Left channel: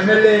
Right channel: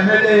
MLA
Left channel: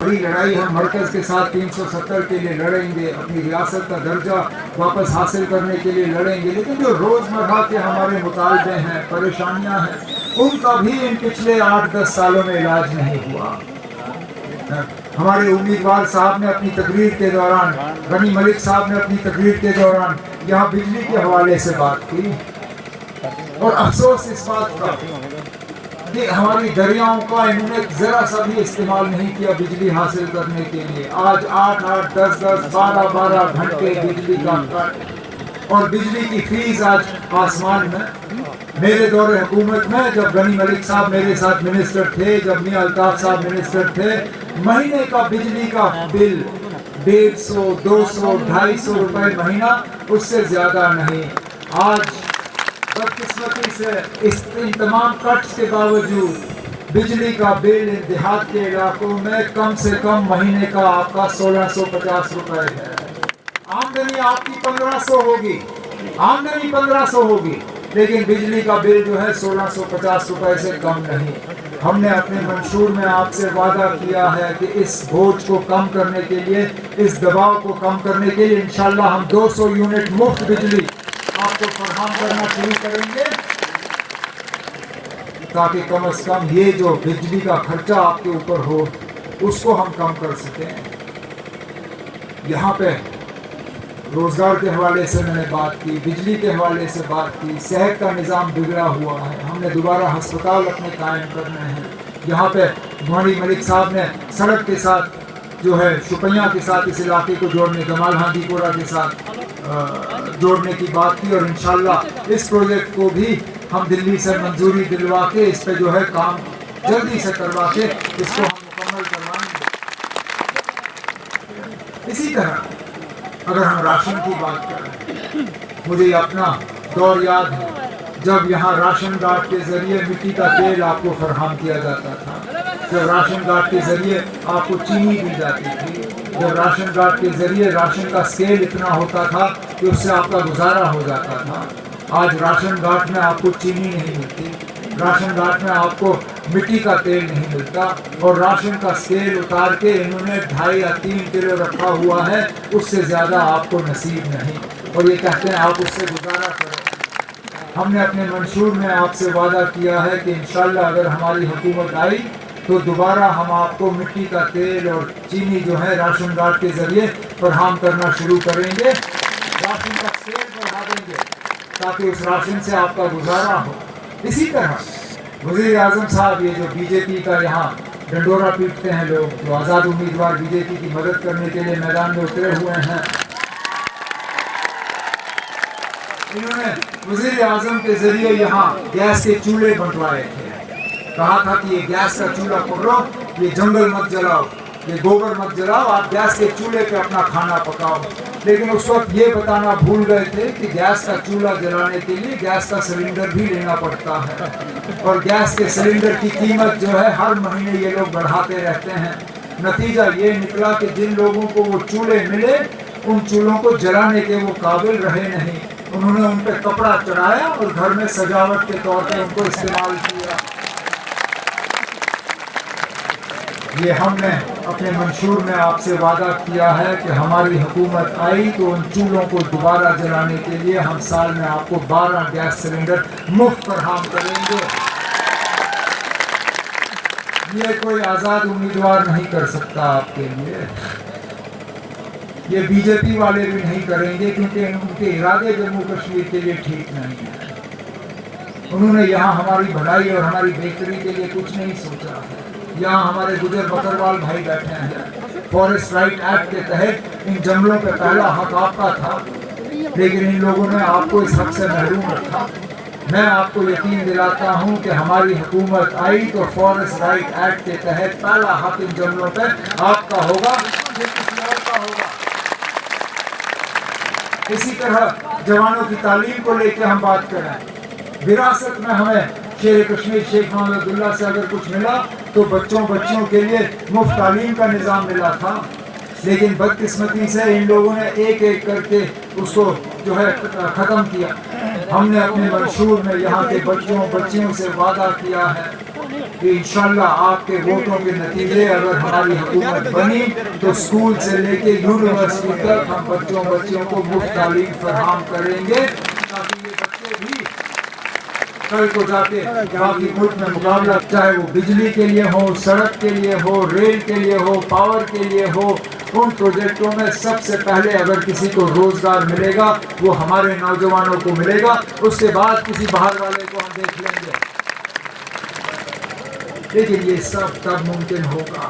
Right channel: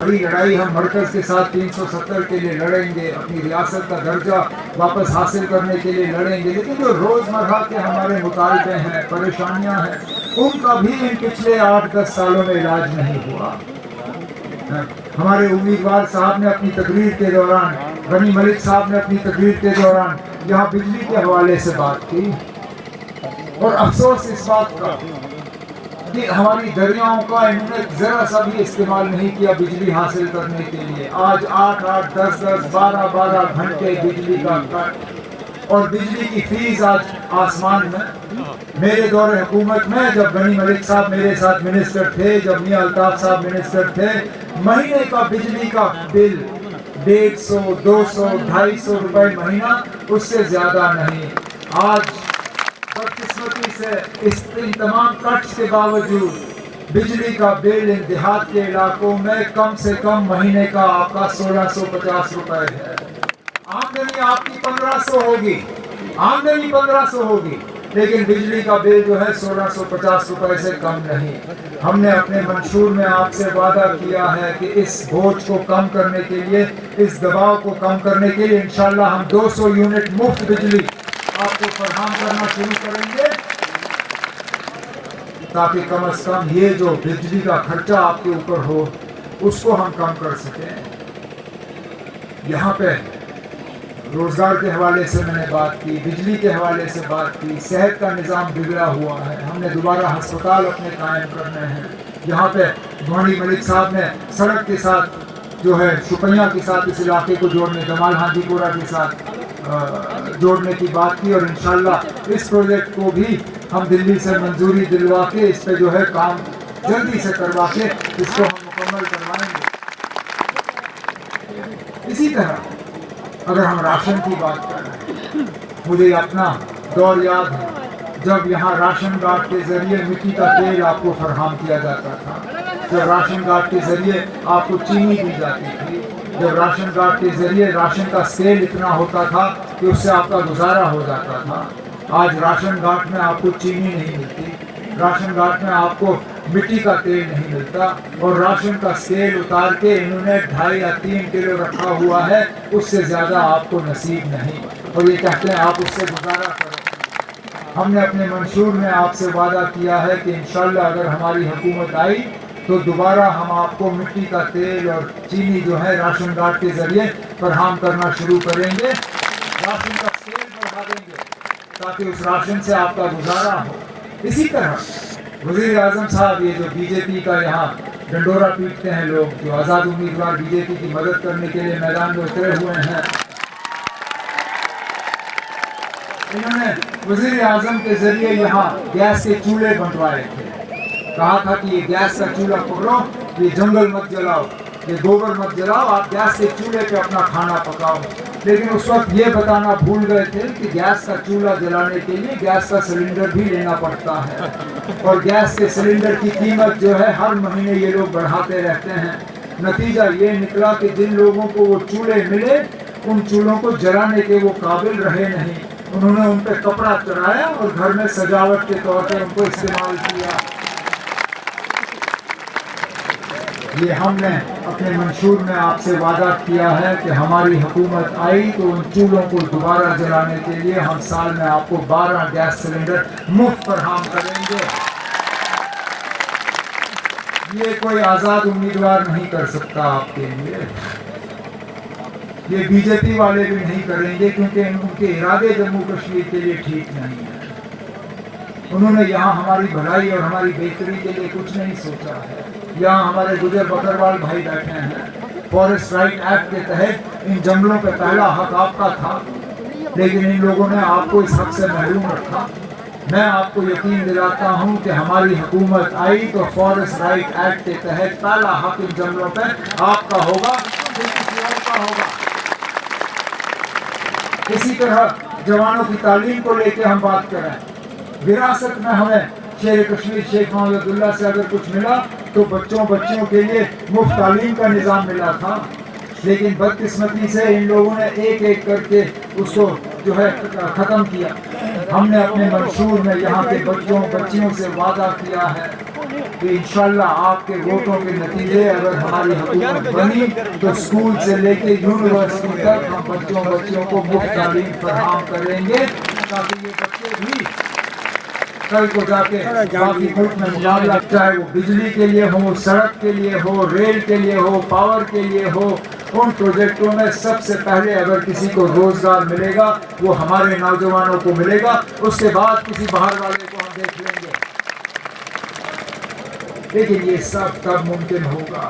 بڑی لڑائی ہم مرکز کے ساتھ 370 کے لیے لڑیں گے، اپنی ریاست کا درجہ واپس حاصل کرنے کے لیے لڑیں گے، لیکن جو روزمرہ کے ہمارے مطالبے ہیں، پریشانیاں ہیں، ان کا بھی ان پچھلے 8-10 سالوں میں علاج نہیں ہوا۔ ہمارے امیدوار صاحب نے اپنی تقریر کے دوران، غنی ملک صاحب نے اپنی تقریر کے دوران یہاں بجلی کے حوالے سے بات کی، اور افسوس اس بات کا کہ ہماری دریاؤں کا انہوں نے ذرا سا بھی استعمال نہیں کیا بجلی حاصل کرنے کے لیے۔ آج 8-8 10-10 12-12 گھنٹے بجلی کا کٹ، اور بجلی کی فیس آج آسمان میں۔ میرے دور حکومت میں جب غنی ملک صاحب میرے ساتھ منسٹر تھے، جب میاں الطاف صاحب منسٹر تھے، مہینے کا بجلی کا بل 150 200 250 روپے مہینہ، اس سے زیادہ نہیں۔ آج بدقسمتی سے ان تمام کٹس کے باوجود بجلی کا بل ان دیہات کے علاقوں میں کم سے کم مہینے کا آپ کا 1650 روپے ہے۔ آمدنی آپ کی 1500 ہوگی، آمدنی 1500 ہوگی، لیکن بجلی کا بل جو ہے 1650 روپے سے کم نہیں۔ ہم نے اپنے منشور میں آپ سے وعدہ کیا ہے کہ اس بوجھ کو کم کرنے کے لیے، اس دباؤ کو کم کرنے کے لیے انشاءاللہ ہم 200 یونٹ مفت بجلی آپ کو فراہم کرنا شروع کریں گے، تاکہ کم از کم یہ جو بجلی کا خرچہ آپ کے اوپر ہو اس کو ہم کم کر سکیں۔ یہاں پہ روزگار کے حوالے سے میں نے بات کی، بجلی کے حوالے سے بات کی، صحت کا نظام بگڑا ہوا ہے، ہم نے دوبارہ ہسپتال اپنے قائم کرنے ہیں۔ یہاں پہ غنی ملک صاحب نے سڑک کے ساتھ جو ہے شپیاں کے ساتھ اس علاقے کو جوڑنے، جمال ہاجی پورہ کے ساتھ جوڑنے کی بات کی، اور انشاءاللہ اس پروجیکٹ کو بھی ہم دلی سے منظوری دلوا کے اس پہ جو ہے کام جلدی سے کروا کے اس کو ہم مکمل کروائیں گے۔ اسی طرح اگر ہم راشن کی بات کریں، مجھے اپنا دور یاد ہے جب یہاں راشن کارڈ کے ذریعے مٹی کا تیل آپ کو فراہم کیا جاتا تھا، جب راشن کارڈ کے ذریعے آپ کو چینی دی جاتی تھی، جب راشن کارڈ کے ذریعے راشن کا اسکیل اتنا ہوتا تھا کہ اس سے آپ کا گزارا ہو جاتا تھا۔ آج راشن کارڈ میں آپ کو چینی نہیں ملتی، راشن کارڈ میں آپ کو مٹی کا تیل نہیں ملتا، اور راشن کا اسکیل اتار کے انہوں نے 2.5 یا 3 کلو رکھا ہوا ہے، اس سے زیادہ آپ کو نصیب نہیں، اور یہ کہتے ہیں آپ اس سے گزارا کرو۔ ہم نے اپنے منشور میں آپ سے وعدہ کیا ہے کہ انشاءاللہ اگر ہماری حکومت آئی تو دوبارہ ہم آپ کو مٹی کا تیل اور چینی جو ہے راشن کارڈ کے ذریعے فراہم کرنا شروع کریں گے، راشن کا سیل بڑھا دیں گے تاکہ اس راشن سے آپ کا گزارا ہو۔ اسی طرح وزیر اعظم صاحب، یہ جو بی جے پی کا یہاں ڈنڈورا پیٹتے ہیں لوگ، جو آزاد امیدوار بی جے پی کی مدد کرنے کے لیے میدان میں اترے ہوئے ہیں، انہوں نے وزیر اعظم کے ذریعے یہاں گیس کے چولہے بنٹوائے تھے، کہا تھا کہ یہ گیس کا چولہا پکڑو، یہ جنگل مت جلاؤ، یہ گوبر مت جلاؤ، آپ گیس کے چولہے پہ اپنا کھانا پکاؤ۔ لیکن اس وقت یہ بتانا بھول گئے تھے کہ گیس کا چولہا جلانے کے لیے گیس کا سلنڈر بھی لینا پڑتا ہے، اور گیس کے سلنڈر کی قیمت جو ہے ہر مہینے یہ لوگ بڑھاتے رہتے ہیں۔ نتیجہ یہ نکلا کہ جن لوگوں کو وہ چولہے ملے، ان چولہوں کو جلانے کے وہ قابل رہے نہیں، انہوں نے ان پہ کپڑا چڑھایا اور گھر میں سجاوٹ کے طور پہ ان کو استعمال کیا۔ یہ ہم نے اپنے منشور میں آپ سے وعدہ کیا ہے کہ ہماری حکومت آئی تو ان چولہوں کو دوبارہ جلانے کے لیے ہم سال میں آپ کو 12 گیس سلنڈر مفت فراہم کریں گے۔ یہ کوئی آزاد امیدوار نہیں کر سکتا آپ کے لیے، یہ بی جے پی والے بھی نہیں کریں گے، کیونکہ ان کے ارادے جموں کشمیر کے لیے ٹھیک نہیں ہیں۔ انہوں نے یہاں ہماری بھلائی اور ہماری بہتری کے لیے کچھ نہیں سوچا ہے۔ یہاں ہمارے گجر بکروال بھائی بیٹھے ہیں، فارسٹ رائٹ ایکٹ کے تحت ان جنگلوں کا پہلا حق آپ کا تھا، لیکن ان لوگوں نے آپ کو اس حق سے محروم رکھا۔ میں آپ کو یقین دلاتا ہوں کہ ہماری حکومت آئی تو فارسٹ رائٹ ایکٹ کے تحت پہلا حق ان جنگلوں پہ آپ کا ہوگا، پھر کسی اور کا ہوگا۔ اسی طرح جوانوں کی تعلیم کو لے کے ہم بات کریں، وراثت میں ہمیں شیر کشمیر شیخ محمد عبداللہ سے اگر کچھ ملا تو بچوں کے لیے مفت تعلیم کا نظام ملا تھا، لیکن بدقسمتی سے ان لوگوں نے ایک ایک کر کے اس کو جو ہے ختم کیا۔ ہم نے اپنے منشور میں یہاں کے بچیوں سے وعدہ کیا ہے کہ انشاءاللہ آپ کے ووٹوں کے نتیجے اگر ہماری حکومت بنی تو اسکول سے لے کے یونیورسٹی تک ہم بچوں کو مفت تعلیم فراہم کریں گے تاکہ یہ بچے بھی کل کو جا کے باقی ملک میں مقابلہ، چاہے وہ بجلی کے لیے ہو، سڑک کے لیے ہو، ریل کے لیے ہو، پاور کے لیے ہو، ان پروجیکٹوں میں سب سے پہلے اگر کسی کو روزگار ملے گا وہ ہمارے نوجوانوں کو ملے گا، اس کے بعد کسی باہر والے کو ہم دیکھ لیں گے۔ لیکن یہ سب تب ممکن ہوگا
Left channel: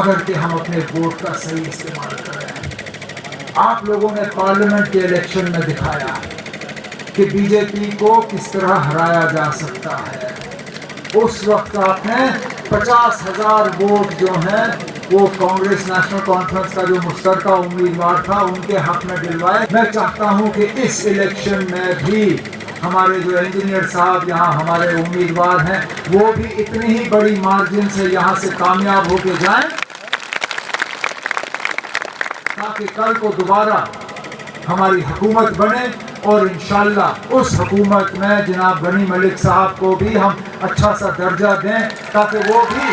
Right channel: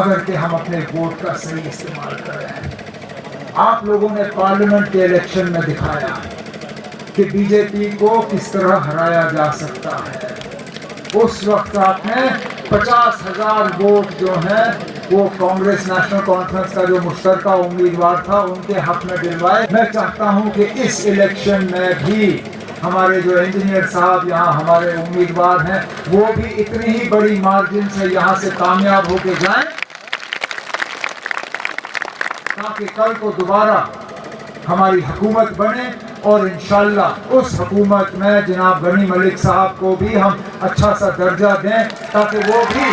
اگر کہ ہم اپنے ووٹ کا صحیح استعمال کریں۔ آپ لوگوں نے پارلیمنٹ کے الیکشن میں دکھایا کہ بی جے پی کو کس طرح ہرایا جا سکتا ہے۔ اس وقت آپ نے 50,000 ووٹ جو ہیں وہ کانگریس نیشنل کانفرنس کا جو مشترکہ امیدوار تھا ان کے حق میں دلوائے۔ میں چاہتا ہوں کہ اس الیکشن میں بھی ہمارے جو انجینئر صاحب یہاں ہمارے امیدوار ہیں وہ بھی اتنی ہی بڑی مارجن سے یہاں سے کامیاب ہو کے جائیں تاکہ کل کو دوبارہ ہماری حکومت بنے، اور انشاءاللہ اس حکومت میں جناب غنی ملک صاحب کو بھی ہم اچھا سا درجہ دیں تاکہ وہ بھی